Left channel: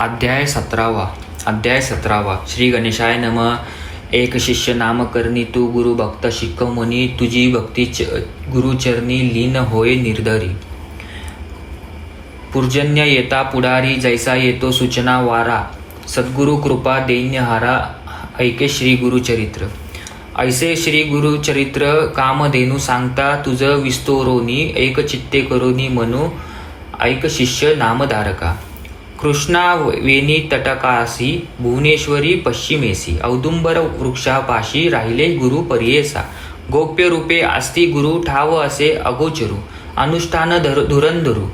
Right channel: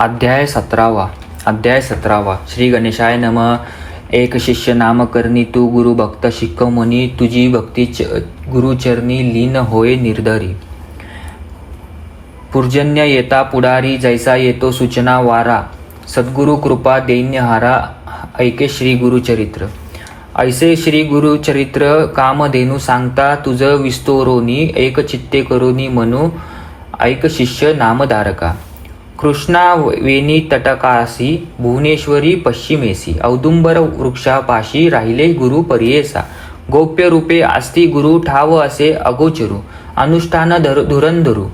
अध्याय 17 श्री गणेशाय नमः. एक शिष्य नामकरणी तू गुरु भक्त शिकवणी, तुझी भक्ती गुरुचरणी लीन होय निर्धरी. पूर्जन्य येता पुढारी, जैसा येतो सूचना वारा. सद्गुरु कृपा दैन्यहारा, ऐके श्री गुरुचरित्र. ऐसे श्री गुरुचरित्र कामधेनू सांगता, तुझ विस्तोरोनी एक चित्ते करुनी म्हणू. ऐक शिष्य नामधारका. कृष्णा वेणी तटकासी, भुवनेश्वरी पश्चिमेसी. औदुंबर वृक्षापाशी राहिले गुरु परियेसा. गोप्य रूपे असती गुरु ठाव असे अगोचरू. अनुष्ठान धुरंधरू,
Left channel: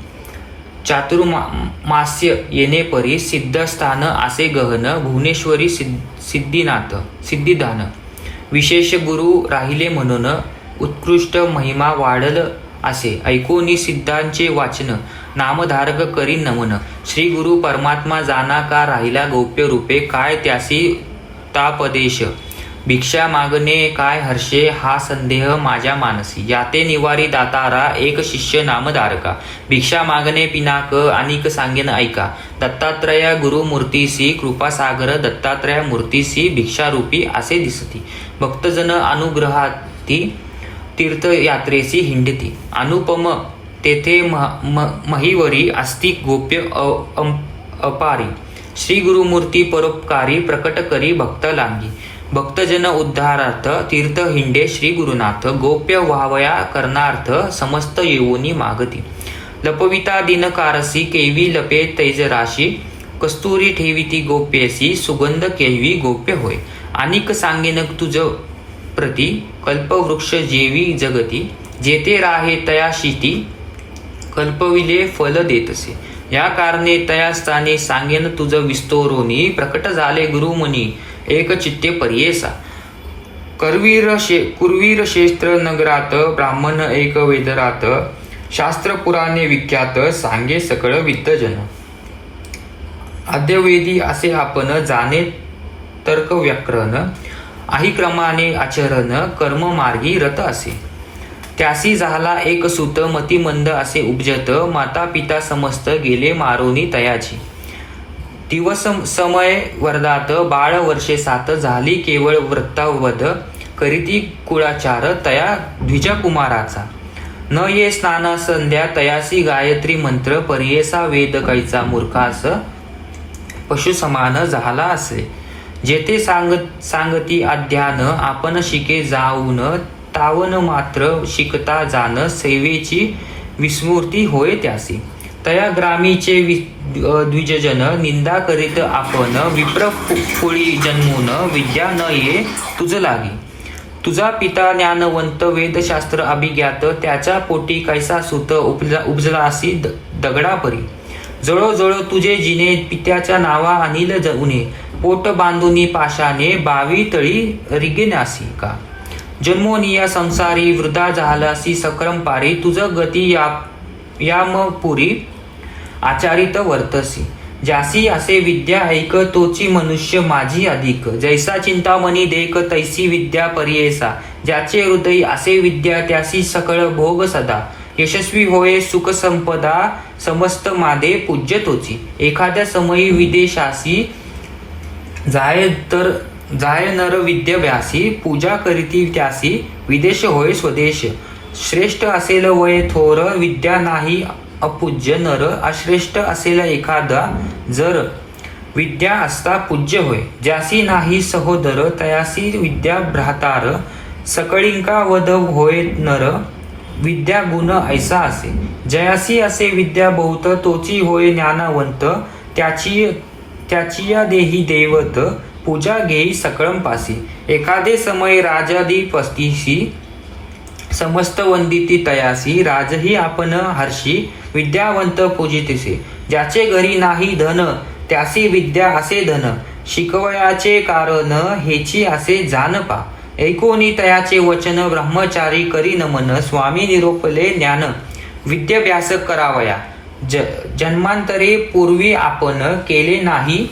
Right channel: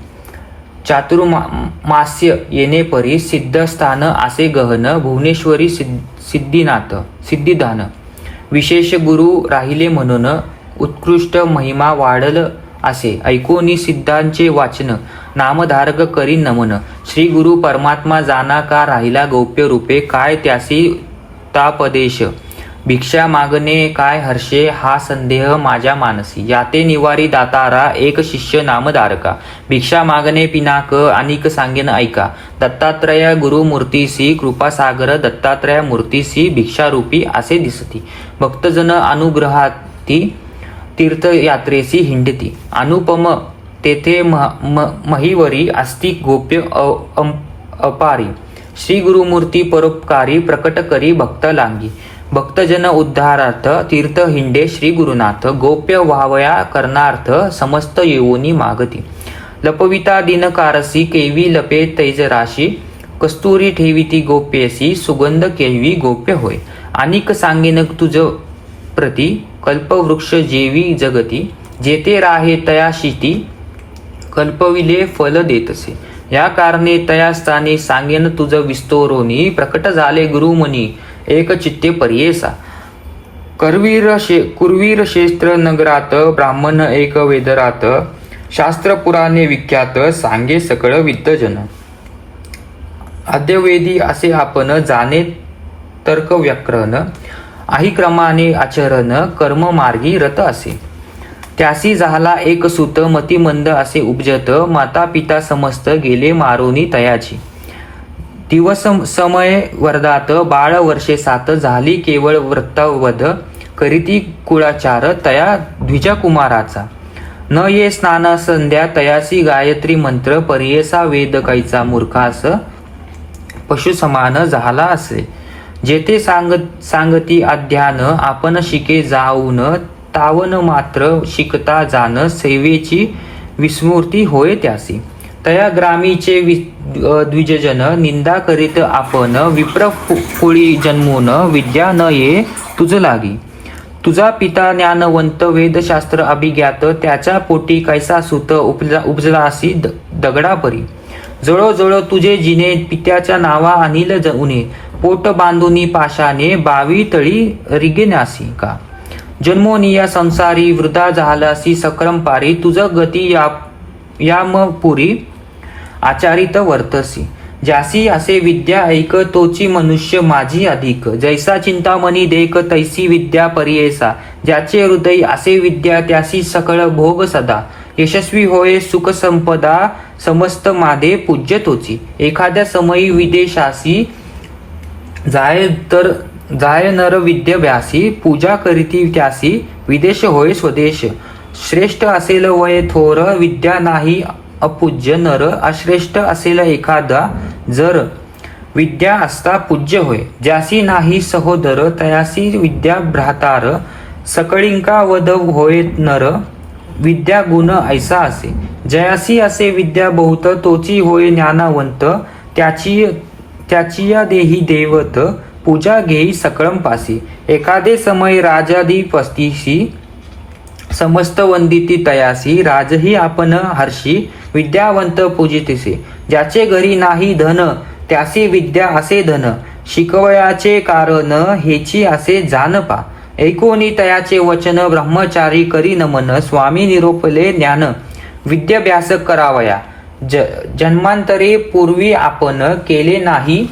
चातुर्मास्य येणे परी. सिद्धस्थान असे गहन, भुवनेश्वरी सिद्धिदान. विशेष गुरु राहिले म्हणून, उत्कृष्ट महिमा वाढल असे. ऐकोनी सिद्धांचे वाचन, नामधारक करी नमन. श्री गुरु परमात्मा जाना का राहिला गौप्य रूपे. काय त्यासी तापदेश, भिक्षा मागणे काय हर्षे. हा संदेह माझ्या मानसी. याते निवारी दातारा, एक शिष्य नामधारका. भिक्षा मागणे पिनाक, अनिक सांगेन ऐका. दत्तात्रय गुरुमूर्तीसी, कृपासागर दत्तात्रय मूर्तीसी. भिक्षारूपी असे दिसती. भक्तजन अनुग्रहाती, तीर्थयात्रेसी हिंडती. अनुपम तेथे महिवरी असती गोप्य अपारी. श्री गुरुमूर्ती परोपकारी, प्रकट करी भक्त लांगी. भक्तजन उद्धारार्थ तीर्थ हिंडे श्री गुरुनाथ. गोप्य व्हावया करणार्थ, समस्त येऊनी मागती. लपविता दिनकारसी, केवी लपे तैजराशी. कस्तुरी ठेविती गोप्यसी, सुगंध केवी गोप्य होय. अनिक सांगेन तुझ प्रती, कल्पवृक्ष जेवी जगती. जेते राहे तया शिती, कल्पविले फल देतसे. या कारणे तया स्थानी सांगेन तुझ विस्तोरोनी. प्रकट झाले गुरुमुनी, एक चित्ते परियेसा. कुरवीर क्षेत्र नगरात, ब्राह्मण एक वेदरात. शास्त्र पुराणे विख्यात, सांगे सकळ विद्वजन. अद्यवेदी असे आपण, जाणे तर्क व्याकरण. आही क्रमाने आचरण, कर्म मार्गी रत असे. त्यासी झाला एक सूत, मतिमंद असे उपजत. माता पिता समस्त गेले मारोनी तयाची. दिवस समय वर्धात, बाळ वर्षे 7. झाली केवळ व्रतवध, करीती कुळाचार तया द्विजकुमाराचा. न ये स्नाना संध्या, तयासी गायत्री मंत्र. परियेसा वेद कैचा मूर्खास, पशु समान झाला असे. जेथे सांगती अध्यान, आपण शिके जाऊन. तावन मात्र शिकता जाण, सेवेची विस्मृती होय त्यासी. तया ग्रामीचे द्विजजन, निंदा करीत आपण. विप्र कुळी जन्मून, विद्या न ये तुझ लागी. तुझा पिता ज्ञानवंत, वेदशास्त्र अभिज्ञात. त्याच्या पोटी कैसा सुत, उपजलासी दगडापरी. जळो तुझे जिने, पित्याच्या नावा अनिल उने. पोट बांधुनी पाशाने, बावी तळी रिगेनासी का. जन्मोनिया संसारी, वृद्धा झालासी सक्रमपारी. तुझ गती यामपुरी, आचारित वर्तसी. ज्यासी असे विद्या ऐक, तोची मनुष्य माझी अधिक. जैसा चिंतामणी देख, तैसी विद्या परियेसा. ज्याचे हृदय असे विद्या, त्यासी सकळ भोग सदा. यशस्वी होय सुख संपदा, समस्त मादे पूज्य तोची. एखाद्या समयी विदेशासी, जाय नर विद्याभ्यासी. पूजा करीती त्यासी, विदेश होय स्वदेश. श्रेष्ठ असेल वय थोर, विद्या नाही अपूज्य नर. अश्रेष्ठ असेल एखादा जर, विद्या असता पूज्य होय. ज्यासी नाही सहोदर, तयासी विद्या भ्रातार. सकळिंका वध होय नर, विद्या गुण ऐसा असे. जयासी असे विद्या बहुत, तोची होय ज्ञानवंत. त्याची या देही देवत, पूजा घेई सकळम पासी. एखादे समय राजादी पस्तीसी, समस्त वंदिती तयासी. राजही आपण हर्षी, विद्यावंत पूजितसे. ज्याचे घरी नाही धन, त्यासी विद्या असे धन. शिकवयाचे कारण हेची असे जानपा. ऐकोनी तयाचे वचन, ब्रह्मचारी करी नमन. स्वामी निरोपले ज्ञान, विद्याभ्यास करावया. जन्मांतरे पूर्वी आपण केले नाही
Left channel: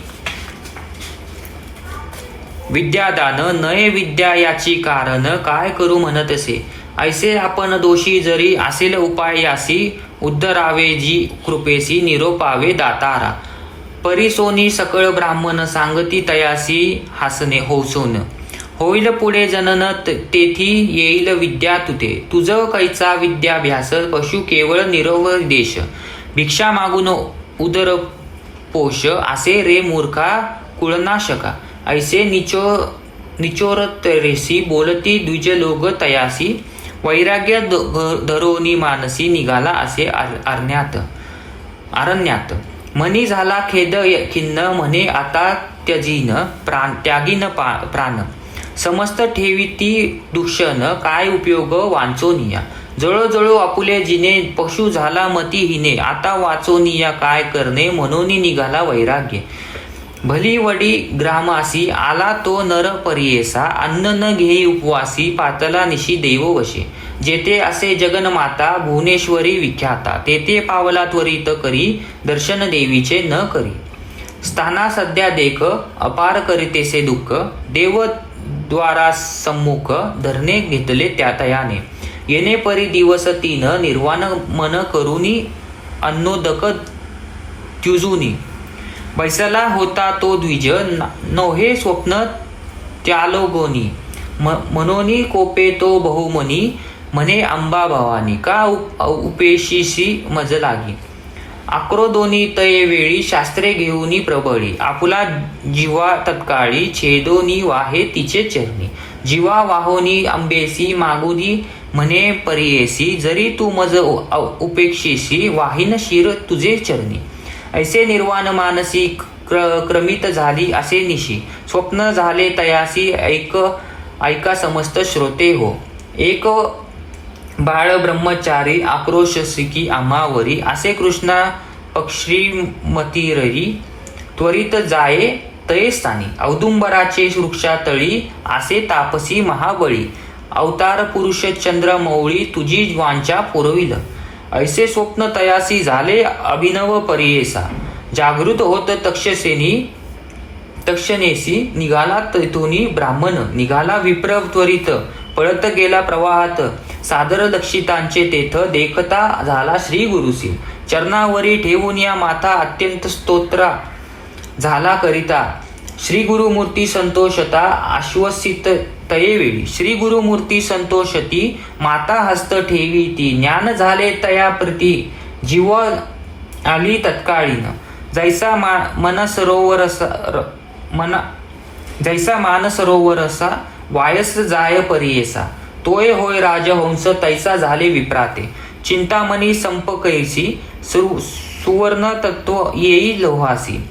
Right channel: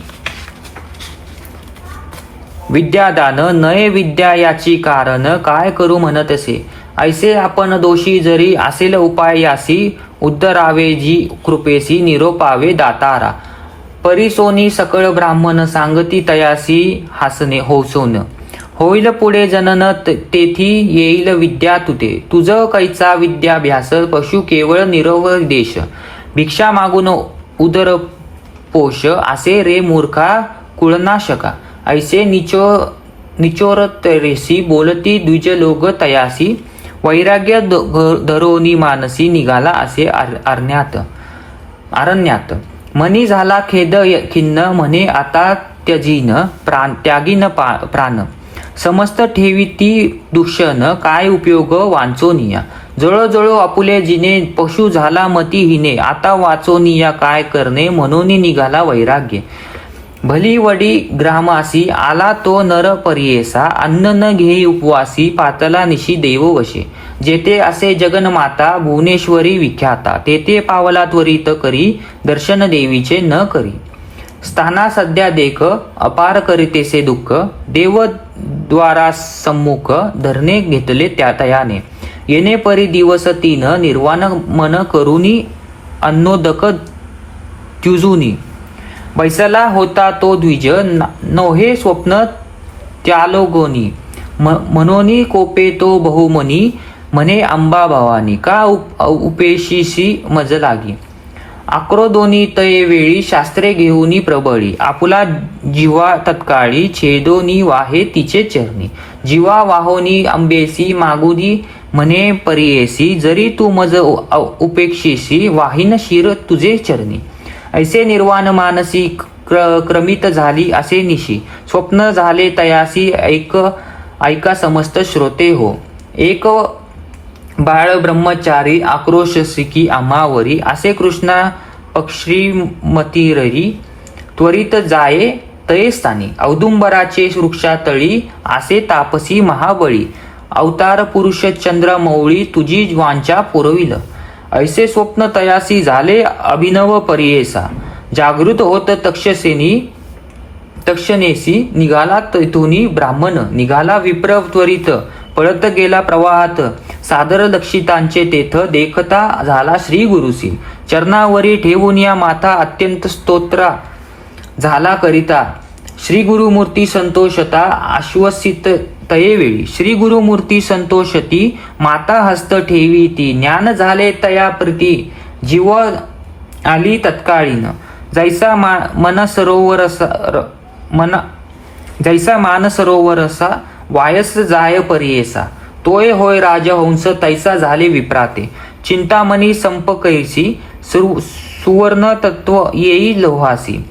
विद्यादान. नये विद्या याची कारण, काय करू म्हणतसे. ऐसे आपण दोषी जरी असेल उपाय यासी. उद्धरावे जी कृपेसी, निरोपावे दातारा. परिसोनी सकळ ब्राह्मण सांगती तयासी हासने होसोन. होईल पुढे जनन तेथी येईल विद्या तुते. तुझ कैचा विद्याभ्यास पशु केवळ निरव देश. भिक्षा मागून उदर पोष असे रे मूर्खा कुळनाशका. ऐसे निचोरतरेसी बोलती द्विज लोक तयासी. वैराग्य धरोनी मानसी निघाला असे अरण्यात. मनी झाला खेद खिन्न म्हणे आता त्यागीन प्राण. समस्त ठेविती दूषण काय उपयोग वांचोनिया. जळजळो आपुले जिने पशु झाला मती हिने. आता वाचोनिया काय करणे म्हणून निघाला वैराग्य. भली वडी ग्रामासी आला तो नर परियेसा. अन्न न घेई उपवासी पातला निशी देव वशे. जेथे असे जगन्माता भुवनेश्वरी विख्याता. तेथे पावला त्वरित करी दर्शन देवीचे न करी. स्थाना सध्या देख अपार करीतेसे दुःख. देव द्वारा सम्मुख धरणे घेतले त्या तयाने. येणे परी दिवस तीन निर्वाण मन करुनी अन्नोदक त्युजुनी. बैसला होता तो द्विज नव्हे स्वप्न त्यालोगोनी. मनोनी कोपे तो बहुमनी म्हणे अंबा भवानी. का उपेशीशी मज लागी. आक्रोदोनी तये वेळी शास्त्रे घेऊनी प्रबळी. आपुला जीवा तत्काळी छेदोनी वाहे तिचे चरणी. जीवा वाहोनी अंबेसी मागुनी म्हणे परियेसी. जरी तू मज उपेक्षेसी वाहिन शिर तुझे चरणी. ऐसे निर्वाण मानसी क्रमित झाली असे निशी. स्वप्न झाले तयासी ऐका समस्त श्रोते हो. एक बाळ ब्रह्मचारी आक्रोश सिकी आम्हावरी. असे कृष्णा पक्षीमतीररी त्वरित जाये तये स्थानी. औदुंबराचे वृक्षातळी असे तापसी महाबळी. अवतार पुरुष चंद्र मौळी तुझी वांचा पुरविल. ऐसे स्वप्न तयासी झाले अभिनव परियेसा. जागृत होत तक्षणेसी निघाला तेथुनी ब्राह्मण. निघाला विप्र त्वरित पळत गेला प्रवाहात. सादर लक्षितांचे तेथ देखता झाला श्री गुरुसी. चरणावरी ठेवून या माथा अत्यंत स्तोत्रा झाला करिता. श्री गुरुमूर्ती संतोषता आश्वसित तयेवेळी. श्री गुरुमूर्ती संतोषती माता हस्त ठेवी ती. ज्ञान झाले तया प्रती जीव आली तत्काळीन. जैसा मान सरोवरसा वायस जाय परियेसा. तोय होय राजहंस तैसा झाले विप्राते. चिंतामणी संप कैसी सुवर्ण तत्व येई लोहासी.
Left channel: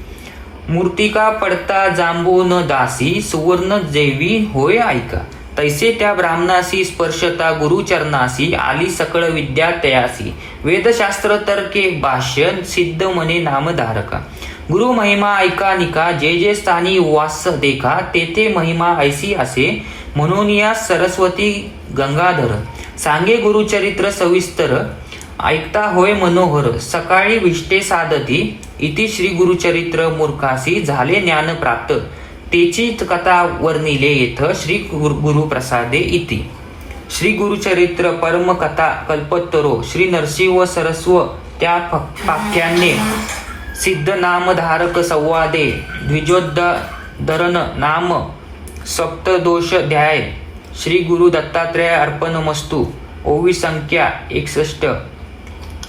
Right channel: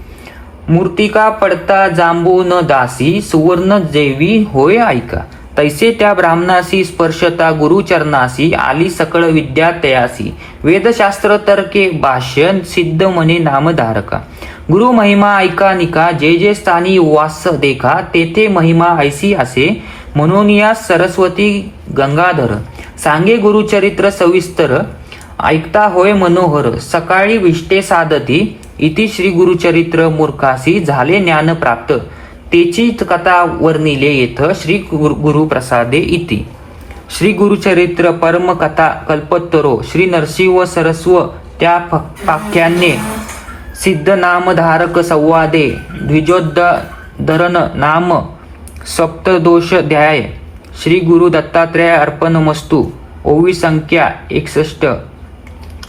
मूर्तिका पडता जांबू न दासी. सुवर्ण देवी होय ऐका. तैसे त्या ब्राह्मणासी स्पर्शता गुरुचरणासी. आली सकळ विद्या तयासी. वेदशास्त्र तर्के भाष्य सिद्ध मने नामधारका. गुरु महिमा ऐका निका. जे जे स्थानी वास देखा. तेथे महिमा ऐसी असे म्हणून या सरस्वती गंगाधर. सांगे गुरुचरित्र सविस्तर ऐकता होय मनोहर. सकाळी विष्टे साधती इति श्री गुरुचरित्र मूर्खासी झाले ज्ञान प्राप्त. तेची कथा वर्णिले येथ श्री गुरुप्रसादे इति. श्री गुरुचरित्र परम कथा कल्पतरो. श्री नरसिंह सरस्व त्या पाख्याने सिद्ध नामधारक संवादे द्विजोद्धरण नाम सप्तदोषाध्याय. श्री गुरु दत्तात्रय अर्पणमस्तु. ओवी संख्या 61.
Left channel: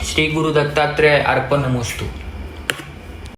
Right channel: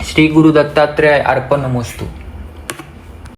श्री गुरु दत्तात्रय अर्पणमस्तु.